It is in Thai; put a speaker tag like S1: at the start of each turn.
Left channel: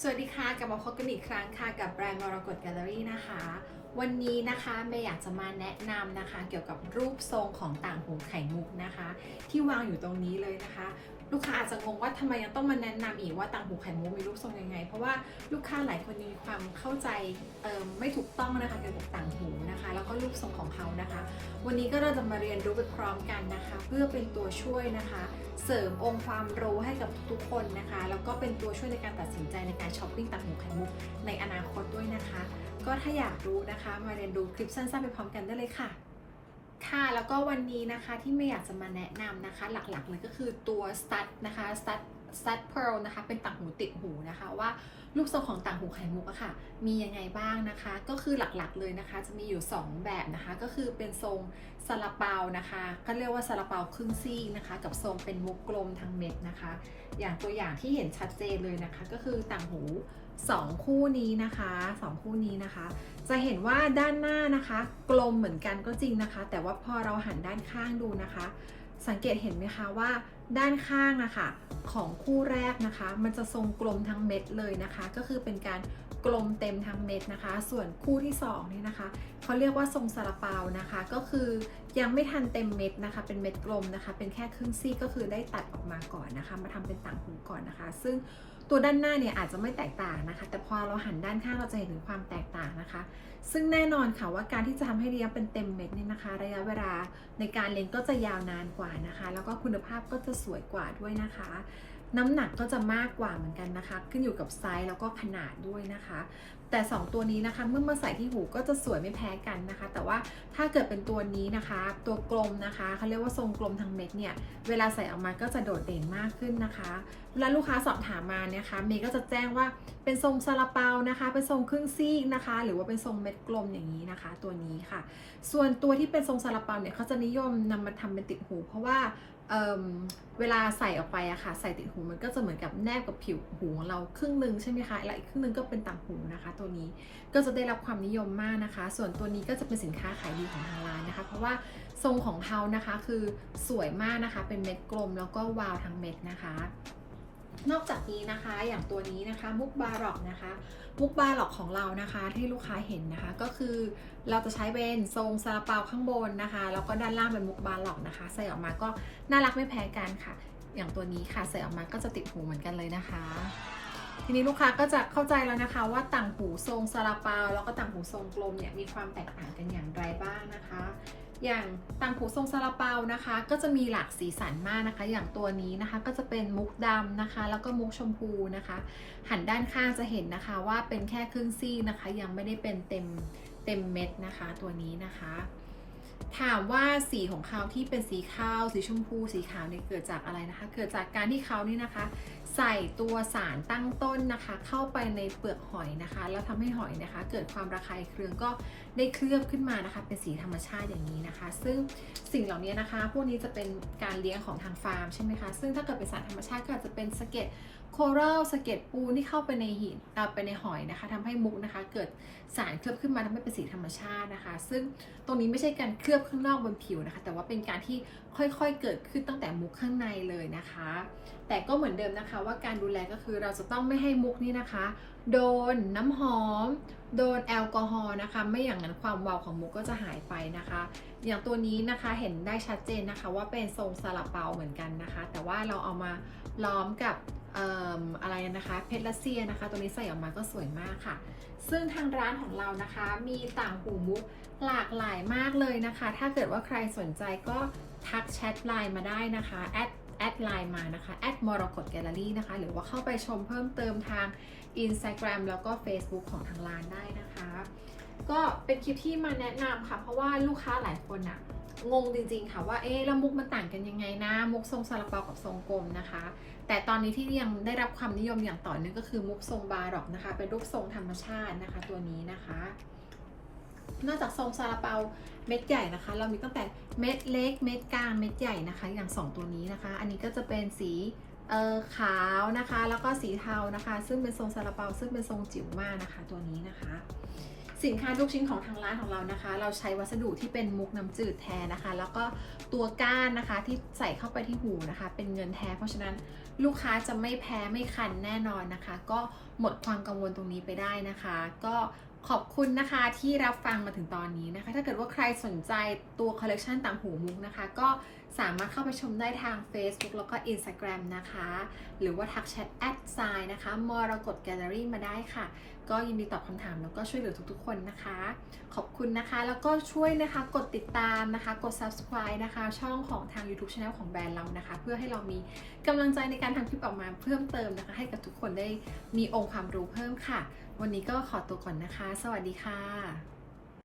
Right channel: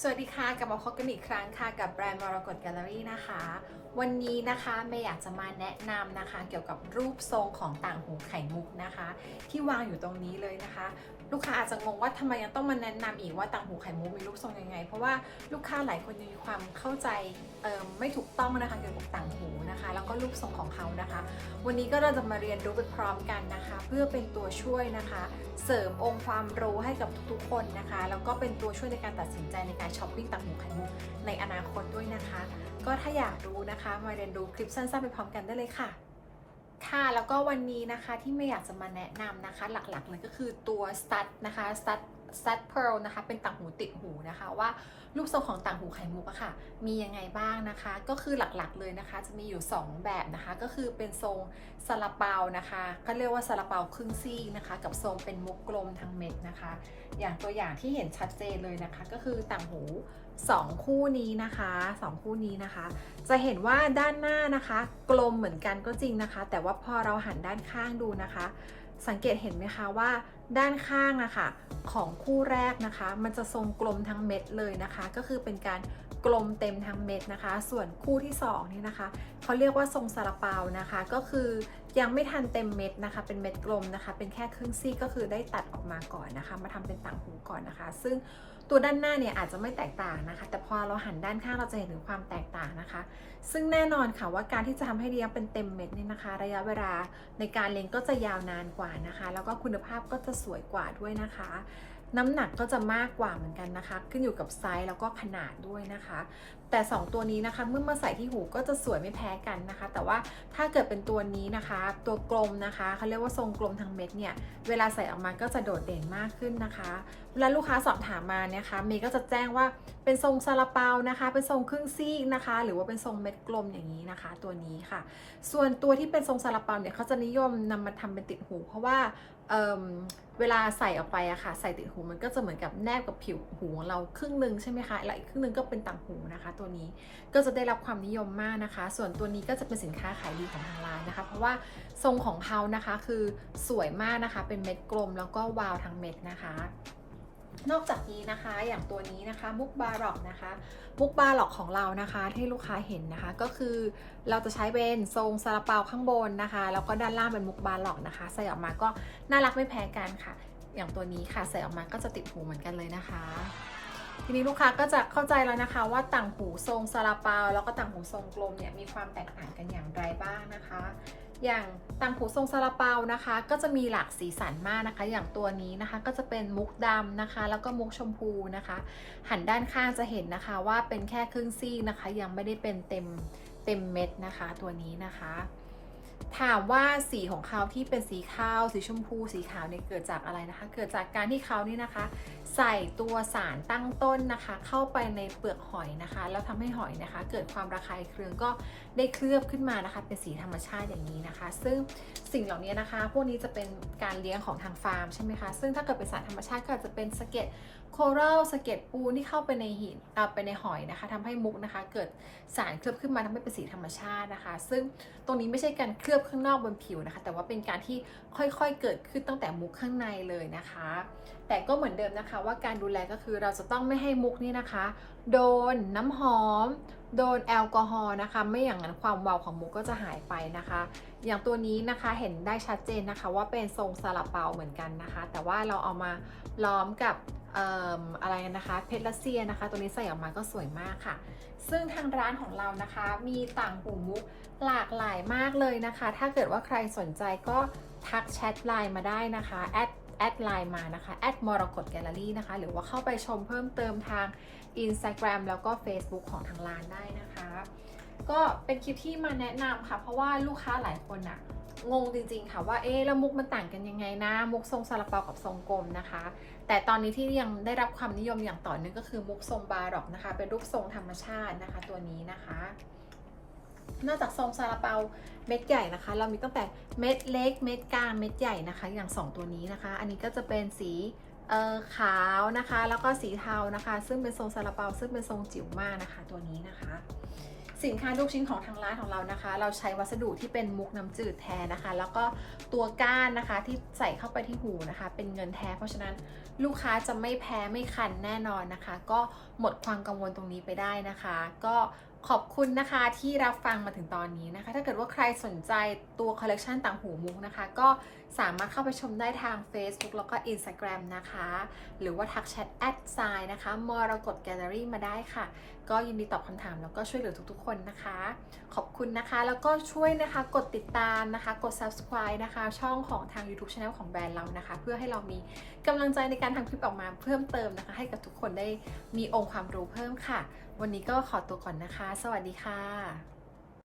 S1: สวัสดีค่ะกลับมาพบกันอีกครั้งค่ะกับแบรนด์มรกตแกลเลอรี่นะคะ วันนี้นะคะเมย์อยากจะมาแนะนำนะคะ เกี่ยวกับรูปทรงของต่างหูไข่มุกนะคะ ที่วางอยู่ตรงนี้เลยนะคะ ลูกค้าอาจจะงงว่าทำไมยังต้องมาแนะนำอีกว่าต่างหูไข่มุกมีรูปทรงยังไง เพราะว่าลูกค้าหลายคนมีความเข้าใจไม่ถูกต้องนะคะเกี่ยวกับต่างหูนะคะแล้ว รูปทรงของเขานะคะ วันนี้ก็เราจะมาเรียนรู้ไปพร้อมกันนะคะ เพื่อเป็นตัวช่วยนะคะ เสริมองค์ความรู้ให้กับทุกคนนะคะ แล้วก็เป็นตัวช่วยในการตัดสินใจในการช้อปปิ้งต่างหูไข่มุกในอนาคตด้วยนะคะ ก็ถ้าอยากรู้นะคะ มาเรียนรู้คลิปสั้นๆไปพร้อมกันได้เลยค่ะ ค่ะแล้วก็วันนี้นะคะที่ไม่อยากจะมาแนะนำนะคะ หลักๆเลยก็คือตัว stud นะคะ stud stud pearl นะคะเป็นต่างหูติดหูนะคะว่ารูปทรงของต่างหูไข่มุกอะค่ะ มียังไงบ้างนะคะ ก็คือหลักๆเลยนะคะ จะมีอยู่ 2 แบบนะคะ ก็คือเป็นทรงซาลาเปานะคะก็เรียกว่าซาลาเปาครึ่งซี่นะคะ กับทรงเป็นมุกกลมทางเม็ดนะคะ อย่างตัวอย่างที่เห็นชัดเจนเลยนะคะ ก็คือต่างหู 2 คู่นี้นะคะสองคู่นี้นะคะ จะเห็นว่าด้านหน้านะคะ กลมเหมือนกันก็จริงนะคะ แต่ว่าพอเราหันด้านข้างดูนะคะ สังเกตเห็นไหมคะว่า ด้านข้างนะคะของคู่แรกนะคะ มันจะทรงกลมทั้งเม็ดเลยนะคะ ก็คือเป็นการกลมเต็มทั้งเม็ดนะคะ ส่วนคู่ที่2นี่นะคะเขาเรียกว่าทรงซาลาเปานะคะ ก็คือยังไม่ทันเต็มเม็ดนะคะ เป็นเม็ดกลมนะคะ เป็นแค่ครึ่งซี่ก็คือได้ตัดออกมาก่อนนะคะ มาทำเป็นต่างหูก่อนนะคะ ซึ่ง ตัวด้านหน้าเนี่ยอาจจะไม่แตกต่างนะคะ แต่พอเราหันด้านข้างเราจะเห็นถึงความแตกต่างนะคะ ซึ่งแน่นอนค่ะว่าการที่จะทำให้เลี้ยงเป็นเต็มเม็ดเนี่ยนะคะ ระยะเวลาในการเลี้ยงก็จะยาวนานกว่านะคะ แล้วก็คุณภาพก็จะสวยกว่าด้วยนะคะ น้ำหนักก็จะมากกว่าเหมือนกันนะคะ ขึ้นอยู่กับไซส์แล้วก็ขนาดด้วยนะคะ แต่ 2 ตัวนี้นะคะ เมื่อมาใส่ที่หูก็จะสวยไม่แพ้กันนะคะ แต่ว่าถ้าเกิดเป็นตัวนี้นะคะ ตัวกลมนะคะเขาเรียกว่าทรงกลมทางเม็ดเนี่ยเวลาใส่ออกมาก็จะโดดเด่นมากขึ้นนะคะเวลาลูกค้าสอบถามมาเนี่ยคะเมย์ก็จะแจ้งว่าเป็นทรงซาลาเปานะคะ เป็นทรงครึ่งซีกนะคะ หรือว่าเป็นทรงเม็ดกลมอย่างนี้นะคะ ตัวนี้ค่ะ ส่วนตัวที่เป็นทรงซาลาเปาเนี่ยเขาจะนิยมนำมาทำเป็นติดหู เพราะว่าเเวลาใส่ออกไปอะค่ะ ใส่ติดหูมันก็จะเหมือนกับแนบกับผิวหูของเราครึ่งหนึ่งใช่ไหมคะและอีกครึ่งหนึ่งก็เป็นต่างหูนะคะตัวนี้ก็จะได้รับความนิยมมากนะคะ ส่วนตัวนี้ก็จะเป็นสินค้าขายดีของทางร้านนะคะ เพราะว่าทรงของเขานะคะคือสวยมากนะคะ เป็นเม็ดกลมแล้วก็วาวทั้งเม็ดนะคะนอกจากนี้นะคะอย่างตัวนี้นะคะมุกบาร็อกนะคะมุกบาร็อกของเรานะคะที่ลูกค้าเห็นนะคะ ก็คือเราจะใช้เป็นทรงซาลาเปาข้างบนนะคะ แล้วก็ด้านล่างเป็นมุกบาร็อกนะคะ ใส่ออกมาก็น่ารักไม่แพ้กันค่ะ อย่างตัวนี้ค่ะใส่ออกมาก็จะติดหูเหมือนกันเลยนะคะ ทีนี้ลูกค้าก็จะเข้าใจแล้วนะคะ ว่าต่างหูทรงซาลาเปาแล้วก็ต่างหูทรงกลมเนี่ยมีความแตกต่างกันอย่างไรบ้างนะคะ อย่างต่างหูทรงซาลาเปานะคะ ก็จะมีหลากสีสันมากนะคะ อย่างตัวนี้นะคะก็จะเป็นมุกดำนะคะ แล้วก็มุกชมพูนะคะ หันด้านข้างจะเห็นนะคะว่าเป็นแค่ครึ่งซี่นะคะ ยังไม่ได้เป็นเต็มเต็มเม็ดนะคะ ตัวนี้นะคะ ถามว่าสีของเขาที่เป็นสีขาวสีชมพูสีขาวเนี่ยเกิดจากอะไรนะคะ เกิดจากการที่เขานี่นะคะ ใส่ตัวสารตั้งต้นนะคะ เข้าไปในเปลือกหอยนะคะ แล้วทำให้หอยนะคะ เกิดความระคายเคืองก็ได้เคลือบขึ้นมานะคะ เป็นสีธรรมชาติอย่างนี้นะคะ ซึ่งสิ่งเหล่านี้นะคะ พวกนี้จะเป็นการเลี้ยงของทางฟาร์มใช่ไหมคะซึ่งถ้าเกิดเป็นสารธรรมชาติก็อาจจะเป็นสะเก็ด โครัลสะเก็ดปูนที่เข้าไปในหินเอาไปในหอยนะคะทำให้มุกนะคะเกิดสารเคลือบขึ้นมาทำให้เป็นสีธรรมชาตินะคะ ซึ่งตรงนี้ไม่ใช่การเคลือบข้างนอกบนผิวนะคะ แต่ว่าเป็นการที่ค่อยๆเกิดขึ้นตั้งแต่มุกข้างในเลยนะคะ แต่ก็เหมือนเดิมนะคะ ว่าการดูแลก็คือเราจะต้องไม่ให้มุกนี่นะคะ โดนน้ำหอม โดนแอลกอฮอล์นะคะ ไม่อย่างนั้นความวาวของมุกก็จะหายไปนะคะ อย่างตัวนี้นะคะเห็นได้ชัดเจนนะคะ ว่าเป็นทรงซาลาเปาเหมือนกันนะคะ แต่ว่าเราเอามาล้อมกับ อะไรนะคะเพชรรัสเซียนะคะ ตัวนี้ใส่ออกมาก็สวยมากค่ะ ซึ่งทางร้านของเรานะคะมีต่างหูมุกหลากหลายมากเลยนะคะ ถ้าเกิดว่าใครสนใจก็ทักแชทไลน์มาได้นะคะแอดแอดไลน์มานะคะแอดมรกตแกลเลอรี่นะคะ หรือว่าเข้าไปชมเพิ่มเติมทาง Instagram แล้วก็ Facebook ของทางร้านได้นะคะ ก็เป็นคลิปที่มาแนะนำค่ะ เพราะว่าลูกค้าหลายคนอะงงจริงๆค่ะว่าเอ๊ะแล้วมุกมันต่างกันยังไงนะ มุกทรงซาลาเปากับทรงกลมนะคะ แต่ตอนนี้ที่ยังได้รับความนิยมอย่างต่อเนื่องก็คือมุกทรงบาร็อกนะคะ เป็นรูปทรงธรรมชาตินะคะ ตัวนี้นะคะนอกจากทรงซาลาเปาเม็ดใหญ่นะคะ เรามีตั้งแต่เม็ดเล็กเม็ดกลางเม็ดใหญ่นะคะ อย่าง 2 ตัวนี้นะคะ อันนี้ก็จะเป็นสีเออขาวนะคะ แล้วก็สีเทานะคะ ซึ่งเป็นทรงซาลาเปาซึ่งเป็นทรงจิ๋วมากนะคะ ตัวนี้นะคะ สินค้าทุกชิ้นของทางร้านของเรานะคะ เราใช้วัสดุที่เป็นมุกน้ำจืดแทนนะคะ แล้วก็ตัวก้านนะคะที่ใส่เข้าไปที่หูนะคะ เป็นเงินแท้ เพราะฉะนั้นลูกค้าจะไม่แพ้ไม่คันแน่นอนนะคะ ก็หมดความกังวลตรงนี้ไปได้นะคะ ก็ ขอบคุณนะคะที่รับฟังมาถึงตอนนี้นะคะ ถ้าเกิดว่าใครสนใจตัวคอลเลกชันต่างหูมุกนะคะ ก็สามารถเข้าไปชมได้ทาง Facebook แล้วก็ Instagram นะคะ หรือว่าทักแชทแอดไซน์นะคะมรกตแกลเลอรี่มาได้ค่ะ ก็ยินดีตอบคำถามแล้วก็ช่วยเหลือทุกๆ คนนะคะ ขอบคุณนะคะ แล้วก็ช่วยนะคะกดติดตามนะคะ กด subscribe นะคะ ช่องของทาง YouTube Channel ของแบรนด์เรานะคะ เพื่อให้เรามีกำลังใจในการทำคลิปออกมาเพิ่มเติมนะคะ ให้กับทุกคนได้มีองค์ความรู้เพิ่มค่ะ วันนี้ก็ขอตัวก่อนนะคะ สวัสดีค่ะ